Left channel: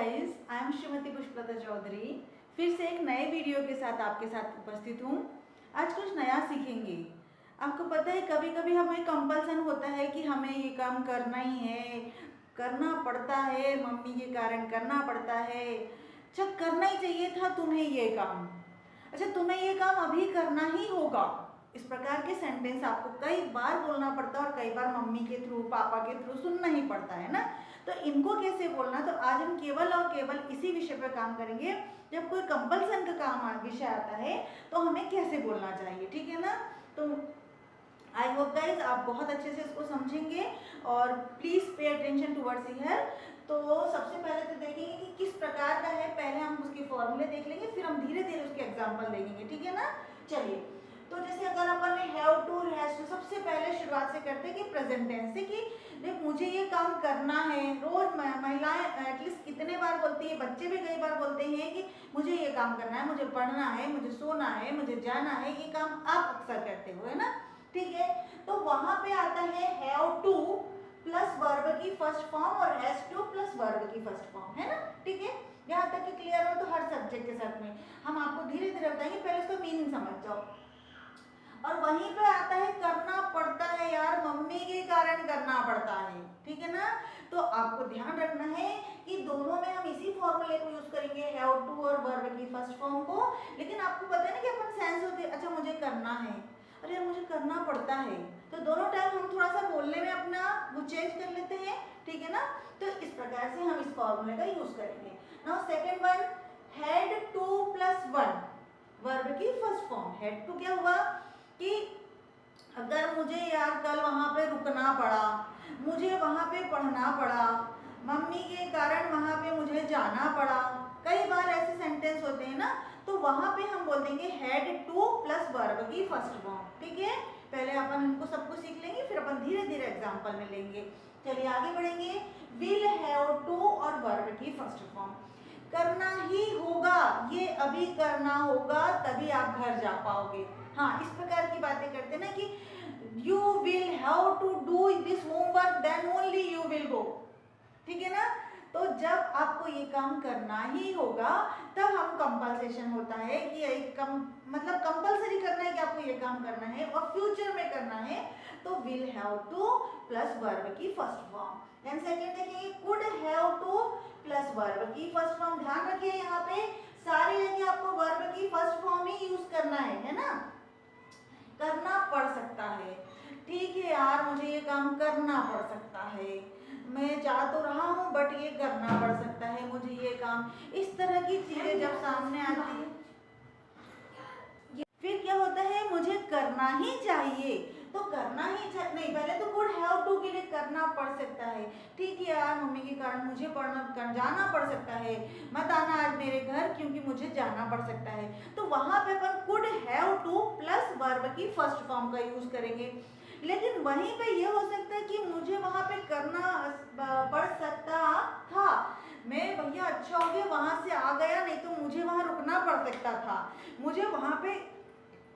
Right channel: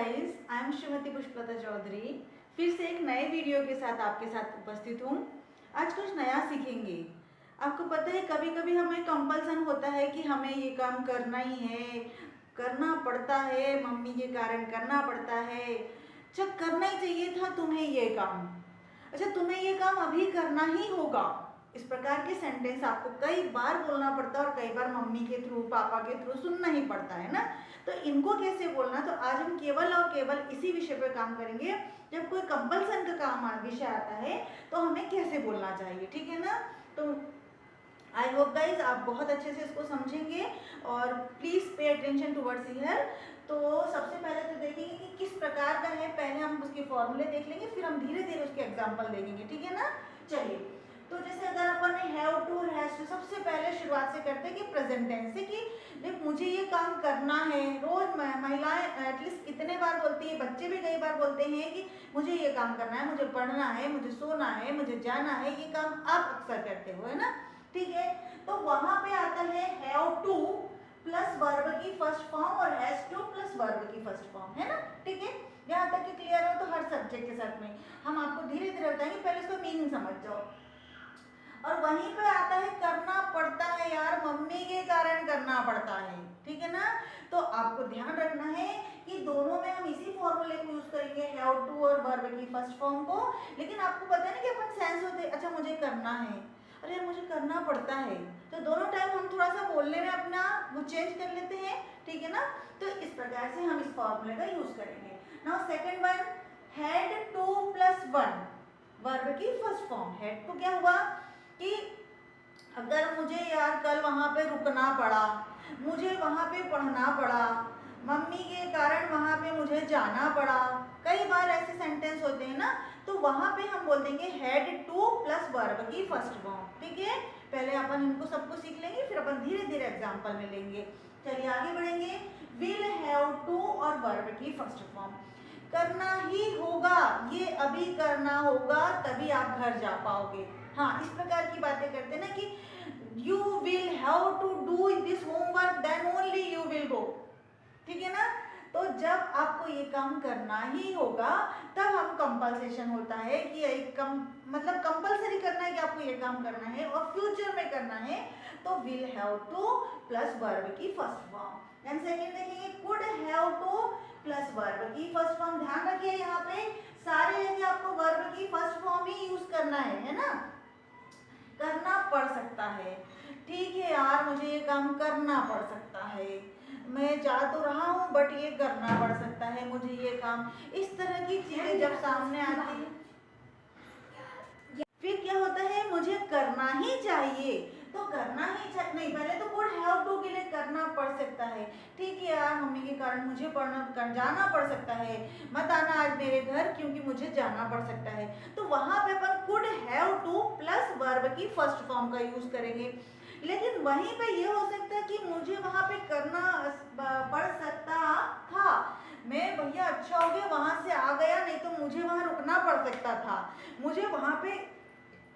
Guys, I am Shrimati Pushpalata Chaudhary. फिर से एक नए वीडियो के साथ आपके साथ उपस्थित हूँ। आज कुछ नया सीखेंगे। आपको पता है कभी कभी हमें कंपल्सन होता है कि हमें ये काम करना ही है, करना पड़ता है, मम्मी के कारण करना पड़ता है। अच्छा, करना ही चाहिए था तुम्हें ये काम। अच्छा, तुम्हें ये काम अभी करना ही होगा। इस प्रकार के सेंटेंस आपको कई बार बोलना पड़ता है और कई बार मम्मी के थ्रू, पापा के थ्रू सुनना ही पड़ता है ना। तो इनको कैसे बोलना, तो आज हम केवल और केवल इसी विषय पर काम करेंगे। जब कोई कंपल्सन का काम विषय आता है तो हमें कैसे बोलना चाहिए, ठीक है ना। तो आई होप गाइज आप बहुत अच्छे से इसको समझेंगे और please pay attention towards here. तो सबसे पहले तो देखेंगे कि किस प्रकार का है। पहले हम उसके फॉर्मूले देख लेंगे, फिर हम धीरे धीरे उसके एग्जाम्पल देखेंगे, ठीक है ना। चलिए, तो जैसे अगर अपन ने हैव टू, हैज टू, सबसे पहले शुरुआत से करते हैं कि प्रेजेंट टेंस से, कि जब मुझे ये काम करना है। रोज महिलाएं एटलीस्ट कितने बार बोलती है, बच्चे भी कई बार बोलते हैं कि मुझे ये काम करना है, मुझे पढ़ना है, मुझे सोना है, मुझे जाना है। ये काम आप अक्सर करते हो, है ना, ठीक है। तो वहां पे आता है हैव टू प्लस वर्ब की फर्स्ट फॉर्म और हैज टू प्लस वर्ब की फर्स्ट फॉर्म, है ना, ठीक है। यहाँ तक कि क्लियर हो। तो हर सब्जेक्ट के साथ में हम आपको धीरे धीरे बताएंगे, पहले इसको मीनिंग समझ जाओ। और वहीं पे आता है करना पड़ता है, यार मम्मी के कारण करना पड़ता है, ठीक है ना। तो आपको ध्यान रखना है कि दोनों में हम इसी फॉर्मूले को यूज करेंगे, हैव टू और वर्ब की फर्स्ट फॉर्म को। लेकिन आपको पता है ना कि अपन सेंस होते, अच्छा मुझे करना है, अरे मुझे करना पड़ता है। तो दोनों टाइम हम थोड़ा सा बोलने में अपना वो चेंज कर लेते हैं, ठीक है ना। तो इस प्रकार से हम इस फॉर्मूले का यूज करेंगे। Now second one, had to plus one, verb की फर्स्ट फॉर्म। हैड टू क्या हुआ कि अगर मुझे यार कल वहां पे रुकना पड़ा, मुझे वहां पे पढ़ना पड़ा, मम्मी के कारण वहां पे मुझे जाना पड़ा, कई बार ऐसे सेंटेंस होते हैं ना। तो वहां पे हम बोल देंगे हैड टू प्लस वर्ब की फर्स्ट फॉर्म, ठीक है। पहले अपन इनको सबको सीख लेंगे, फिर अपन धीरे धीरे एग्जांपल में लेंगे। चलिए आगे बढ़ेंगे। विल हैव टू और वर्ब की फर्स्ट फॉर्म, करना ही होगा, ये अभी करना होगा तभी आप घर जा पाओगे। हाँ, इस प्रकार की बातें करते हैं ना कि you will have to do this homework then only you will go, ठीक है ना। तो जब आपको ये काम करना ही होगा तब हम कंपल्सेशन होता है कि एक मतलब कंपल्सरी करना है कि आपको ये काम करना है और फ्यूचर में करना है। तो will have to plus verb की फर्स्ट फॉर्म। देन सेकंड देखेंगे, could have to plus verb की फर्स्ट फॉर्म। ध्यान रखिए यहाँ पे सारी जगह आपको वर्ब की फर्स्ट फॉर्म ही यूज करना है ना। करना पड़ सकता है, ठीक है यार मुझे ये काम करना पड़ सकता है, मैं जा तो रहा हूँ बट ये करना पड़ सकता है मुझे ये काम। इस तरह की चीजें जब सामने आती है, फिर क्या होता है, मुझे करना ही चाहिए। तो करना ही नहीं, पहले तो कुड हैव टू के लिए करना पड़ सकता है, ठीक है यार मम्मी के कारण मुझे जाना पड़ सकता है, मत आना आज मेरे घर क्योंकि मुझे जाना पड़ सकता है। तो वहां पे अपन could have to plus verb की फर्स्ट फॉर्म का यूज करेंगे। लेकिन वहीं पे ये हो सकता है कि मुझे वहां पे करना पड़ सकता था, मैं भैया अच्छा हो गया वहां से आ गया, नहीं तो मुझे वहां रुकना पड़ सकता था, मुझे वहां पे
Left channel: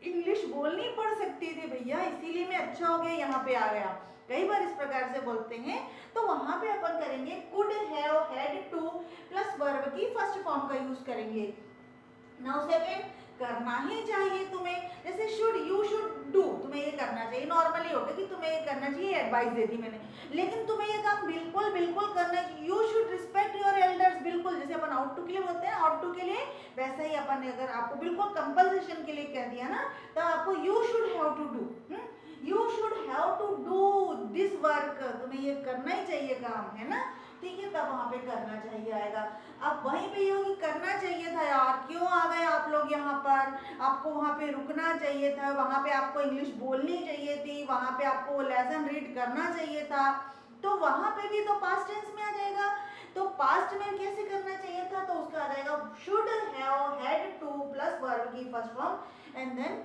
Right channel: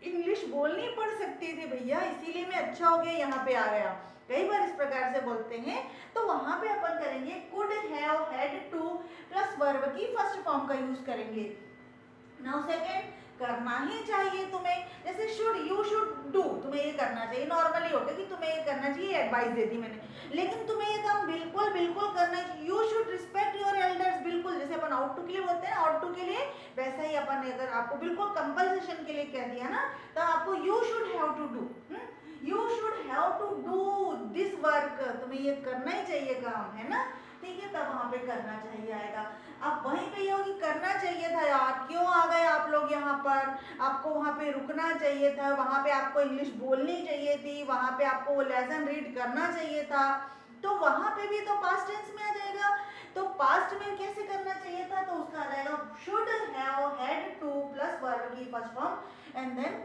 इंग्लिश बोलनी पड़ सकती थी भैया, इसीलिए मैं अच्छा हो गया यहाँ पे आ गया। कई बार इस प्रकार से बोलते हैं। तो वहां पे अपन करेंगे could have had to plus verb की फर्स्ट फॉर्म का यूज करेंगे। नाउ सेकंड, करना ही चाहिए तुम्हें, जैसे शुड, यू शुड डू, तुम्हें ये करना चाहिए। नॉर्मली होता है कि तुम्हें ये करना चाहिए, एडवाइस देती मैंने, लेकिन तुम्हें ये काम बिल्कुल बिल्कुल करना चाहिए। You should respect your elders, बिल्कुल जैसे अपन आउट टू के लिए बोलते हैं आउट टू के लिए, वैसा ही अपन ने अगर आपको बिल्कुल कंपल्सेशन के लिए कह दिया ना, तो आपको you should have to do, you should have to do this work, तुम्हें ये करना ही चाहिए काम, है ना, ठीक है। तब वहां पे करना चाहिए आएगा। अब वहीं पे ये होगी करना चाहिए था यार, क्यों आ गए आप लोग यहाँ पर, आपको वहां पे रुकना चाहिए था, वहां पे आपको इंग्लिश बोलनी चाहिए थी, वहां पे आपको वो लेसन रीड करना चाहिए था। तो वहां पे भी तो पास्ट टेंस में आ जाएगा। तो पास्ट में कैसे करना चाहिए था, तो उसका आ जाएगा should have had to plus verb की first form and then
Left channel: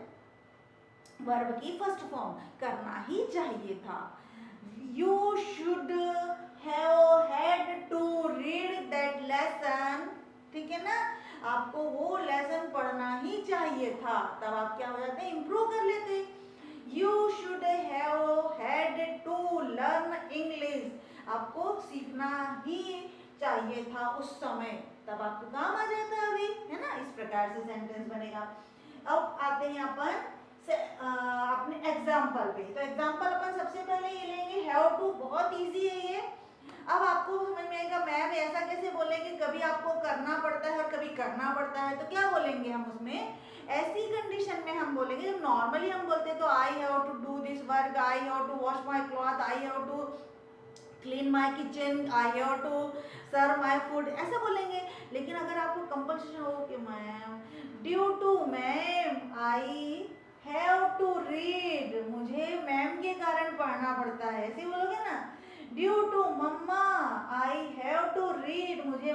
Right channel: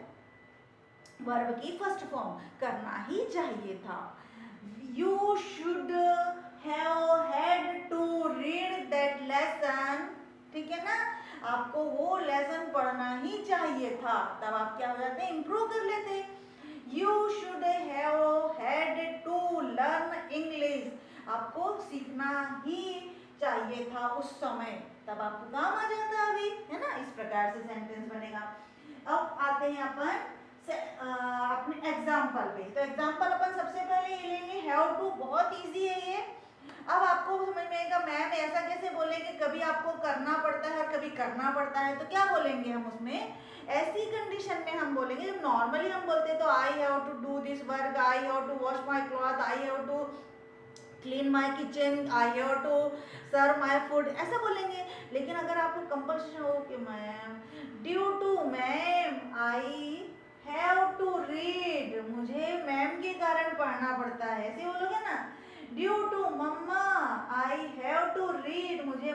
verb की फर्स्ट फॉर्म, करना ही चाहिए था। You should have had to read that lesson, ठीक है ना, आपको वो लेसन पढ़ना ही चाहिए था। तब आप क्या हो जाते हैं, इंप्रूव कर लेते। You should have had to learn English, आपको सीखना ही चाहिए था उस समय, तब आपको काम आ जाता अभी, है ना। इस प्रकार से सेंटेंस बनेगा। अब आते हैं अपन अपने एग्जाम्पल पे। तो एग्जाम्पल अपन सबसे पहले ये लेंगे हैव टू, बहुत इजी है ये। अब आपको समझ में आएगा मैम ऐसा कैसे बोलेंगे, कभी आपको करना पड़ता है और कभी करना पड़ता है, तो क्या बोलेंगे हम उसमें, ऐसी कंडीशन में हम बोलेंगे जब नॉर्मली हम बोलते हैं तो I have to do this work, I have to wash my cloth, I have to clean my kitchen, I have to serve my food, ऐसा बोलेंगे। लेकिन अगर आपको कंपल्सेशन हो कि ma'am due to ma'am I have to read, मुझे ma'am के कारण पढ़ना पड़ता है, ऐसे बोलोगे ना। Due to mama I have to read, मुझे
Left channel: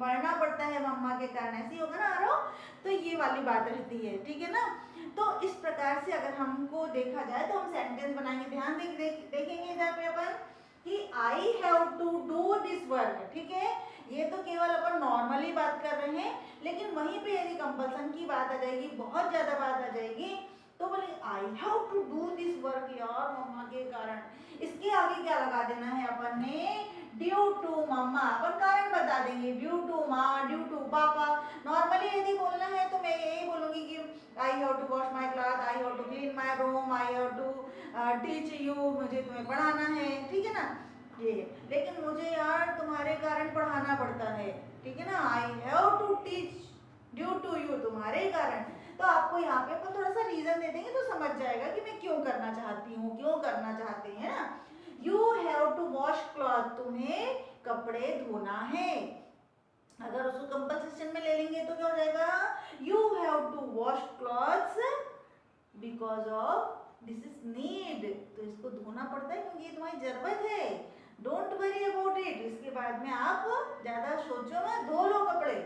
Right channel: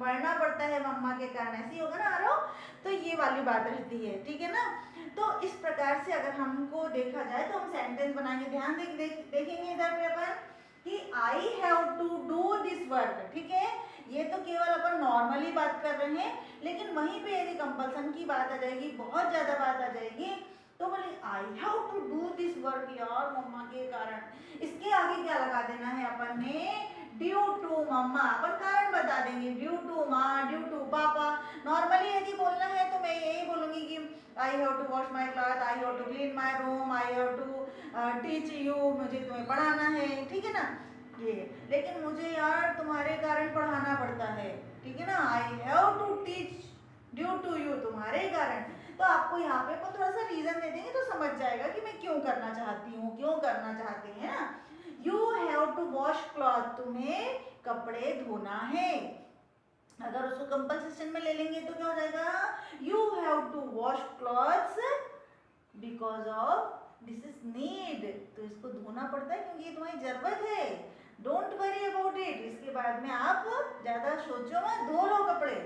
पढ़ना पड़ता है मम्मा के कारण, ऐसी होगा ना आरो। तो ये वाली बात रहती है, ठीक है ना। तो इस प्रकार से अगर हमको देखा जाए तो हम सेंटेंस बनाएंगे। ध्यान देखेंगे इधर पे अपन कि I have to do this work, ठीक है। ये तो केवल अपन नॉर्मली बात कर रहे हैं, लेकिन वहीं पे यदि कंपल्सन की बात आ जाएगी, बहुत ज्यादा बात आ जाएगी, तो बोले I have to do this work यार मम्मा के कारण, इसके आगे क्या लगा देना है अपन ने, ड्यू टू मम्मा, अपन कारण बता देंगे, ड्यू टू माँ, ड्यू टू पापा। नॉर्मली यदि बोलना है तो मैं यही बोलूंगी कि I have to wash my cloth, I have to clean my room, I have to teach you, मुझे तुम्हें पढ़ाना है, ठीक है ना ये। लेकिन मुझे यार तुम्हारे कारण पढ़ाना पड़ता है, ठीक है ना, I have to teach due to you, तुम्हारे कारण। तो आपको यहाँ पे अपन थोड़ा सा रीजन दे देंगे तो समझ जाएगा कि मैं क्यों करना चाहती हूँ, क्यों करना चाहते हैं ना। You have to wash cloth, तुम्हें कपड़े धोना है। अगर उसको कंपल्सेशन में ले लेंगे तो क्या हो जाएगा, you have to wash clothes because of this is need, तो इसको धोना पड़ता है क्योंकि ये तुम्हारी जरूरत है। डोंट वरी अबाउट इट, इसके बाद में आप ज्यादा सोचो मत, धो लो कपड़े।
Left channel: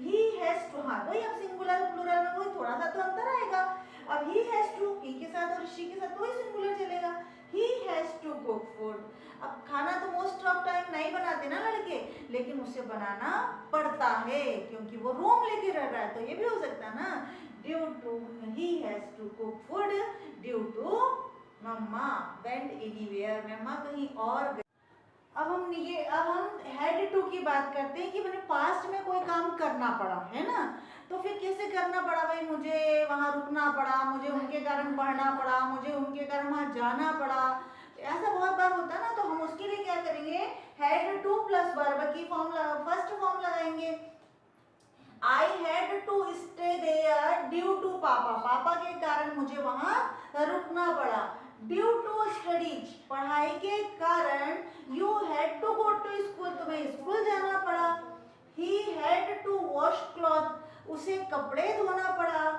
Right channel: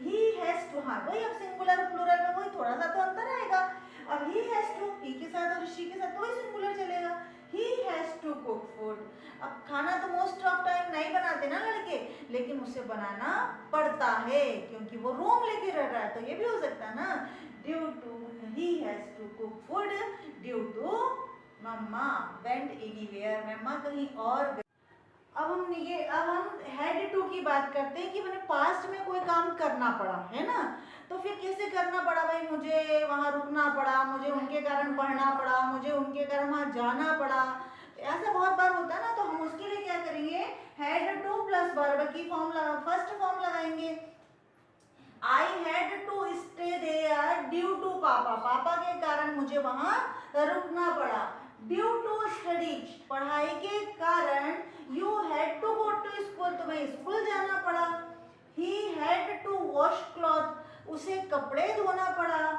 ही हैज टू, हाँ वही अब सिंगुलर प्लूरल में वही थोड़ा सा तो अंतर आएगा। अब ही हैज टू, ही के साथ और शी के साथ वही सिंगुलर चलेगा, he has to cook food. अब खाना तो मोस्ट ऑफ टाइम नहीं बनाते ना लड़के, लेकिन उसे बनाना पड़ता है क्योंकि वो रूम लेके रह रहा है, तो ये भी हो सकता है ना, due to he has to cook food, due to mumma went anywhere, mumma कहीं और गई। अब हम हेड टू की बात करते हैं कि मैंने पास्ट में कोई काम करना पड़ा है ना, तो फिर कैसे करना पड़ा भाई, मुझे वहां रुकना पड़ा, मुझे उनके कारण पढ़ना पड़ा, मुझे उनके कारण वहां जाना पड़ा, ऐसा बहुत बार होता है ना। तो हम उसके लिए क्या करेंगे, हेड टू प्लस वर्ब की फर्स्ट फॉर्म लगाएंगे। I had to stay there due to papa, papa के कारण मुझे वहां रुकना पड़ा। ड्यू टू स्टडीज, पढ़ाई के कारण, you had to go to school, तुम्हें स्कूल जाना पड़ा। He had to wash cloth, उसे कपड़े धोना पड़ा।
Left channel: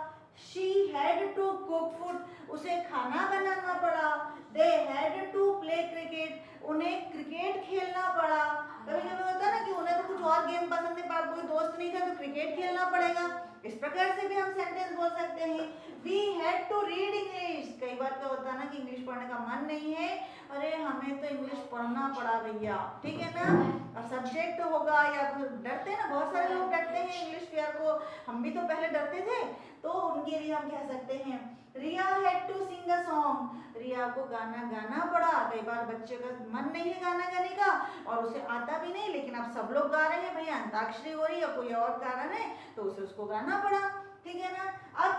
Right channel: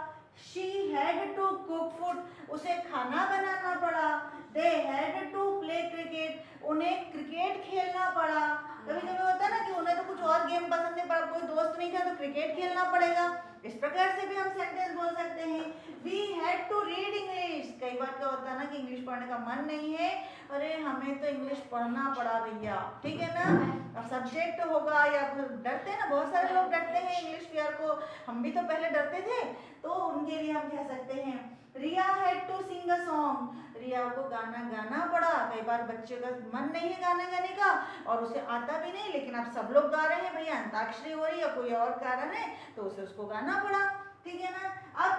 She had to cook food, उसे खाना बनाना पड़ा। They had to play cricket, उन्हें क्रिकेट खेलना पड़ा। कभी कभी होता है ना कि उन्हें तो कुछ और गेम पसंद है पर कोई दोस्त नहीं था तो क्रिकेट खेलना पड़ेगा। इस प्रकार से भी हम सेंटेंस बोल सकते हैं। We had to read English, कई बार क्या होता है ना कि इंग्लिश पढ़ने का मन नहीं है, अरे हमें तो इंग्लिश पढ़ना पड़ा भैया, ठीक है ना। अब सब्जेक्ट होगा या डरते हैं ना, बहुत सारे लोग डरते हैं इंग्लिश फेयर को, हम भी तो पहले डरते थे, तो उनके लिए हम कह सकते हैं Riya had to sing a song, Riya को गाना गाना पड़ा। कई बार बच्चे का मन नहीं है गाना गाने का और उसे आता भी नहीं, लेकिन अब सब लोग गा रहे हैं भैया, अंताक्षरी हो रही है, कोई और कारण है तो उसे उसको गाना पड़ा, ठीक है ना। अब